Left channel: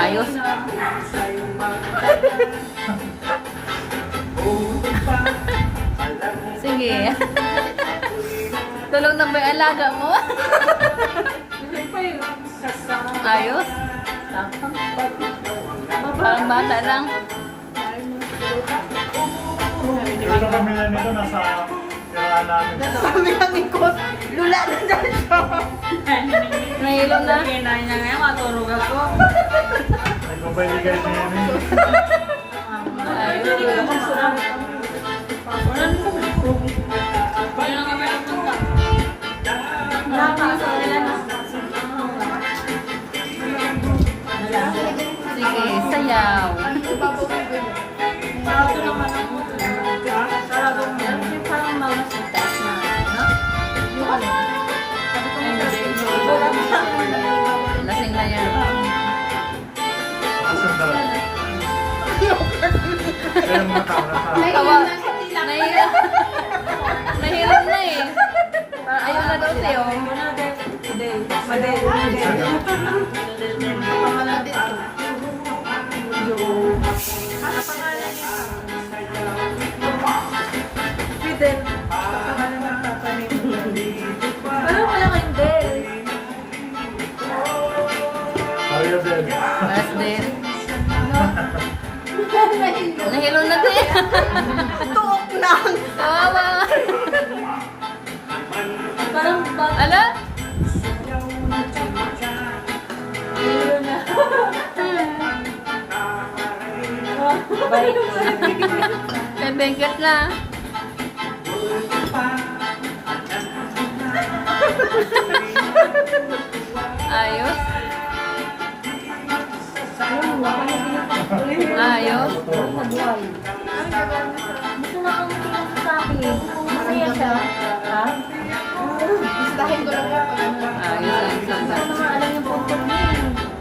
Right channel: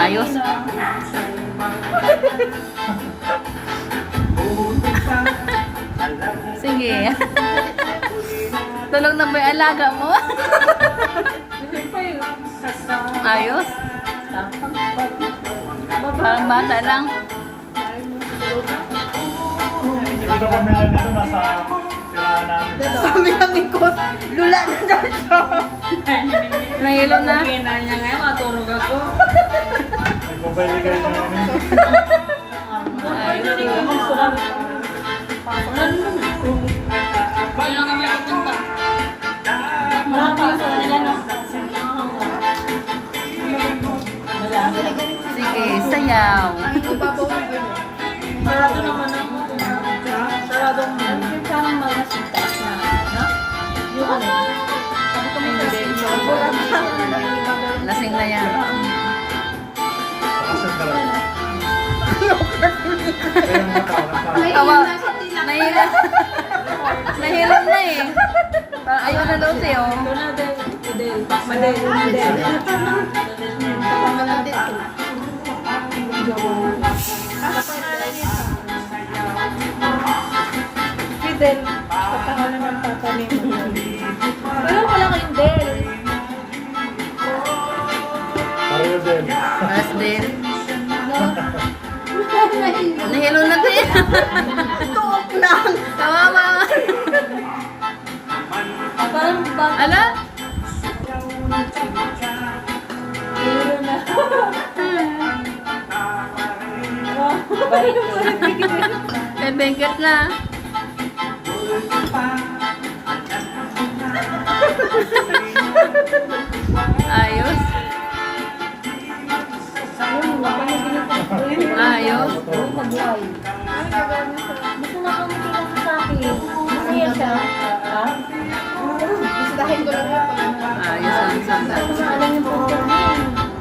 Ayos. Sige. Tulog na ba yung alaga mo? Ayos. Parang bata lang. Dito kami na nito, nasa tirahan namin. Sabi ng ikot, lula na daw siya. Nahilo na. Kinain niya ngayon, matulog ako. Nagbabaligay niya yun eh. Ayos. Wala na kami pupunta. Nakapasok nila na. Sige, sayaw. Sarado naman ang sarado mo. Yung parang mga sitas na, no? Yung ano? Sabi ko mo Lasing na yan. Pakasyon talaga. Kaya yung mga tao nasa... Tawa. Nahilo. Nahilo na eh. Parang ayun na daw sa'yo. Ito na, Del. Madel. Fidel, kapangalan ng papa ni Pero wala kayong Del. Pareho din. Paras din. Nahilo na din. Tuok lang. Kawawa. Parang bata. Ala? Ayun na. May bengket na. Ayos. Ayun mo, Ayos. mabuhay. Gusto nga kang matingin sa akin. Masaya siya. Ha? Gustahin ko lang yung Ayos ang sagat. alam yung pagod niya.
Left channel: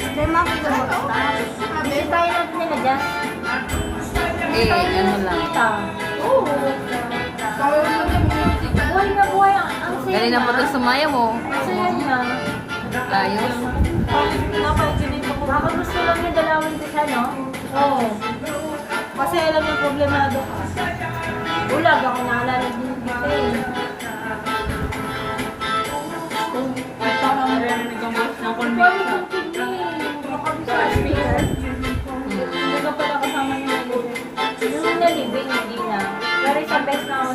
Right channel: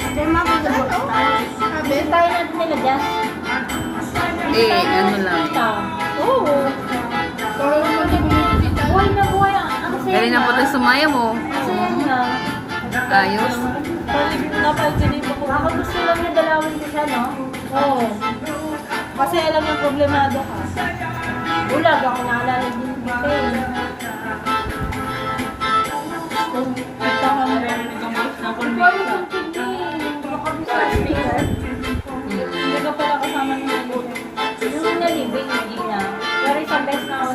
Kaya makakagabot ta. Hindi tayo natin nag-adjust. Eh, ano lang. Oo. Buhay na buhay. Ang saya Galing na po niya. ito sumaya mo. Ang saya niya. Ayos. Napag-inip ako. Baka gusto lang niya dalawin ko siya, no? Oo. Kasi alam yung problemado ka. Ulag ako naalala din dito eh. Ito ka naririnig yung voice na Paano convince kung hindi? Makabisa sa speaker? Hindi ka pala kasama ng Yung nalibing, hindi na. Pero isang beses na ako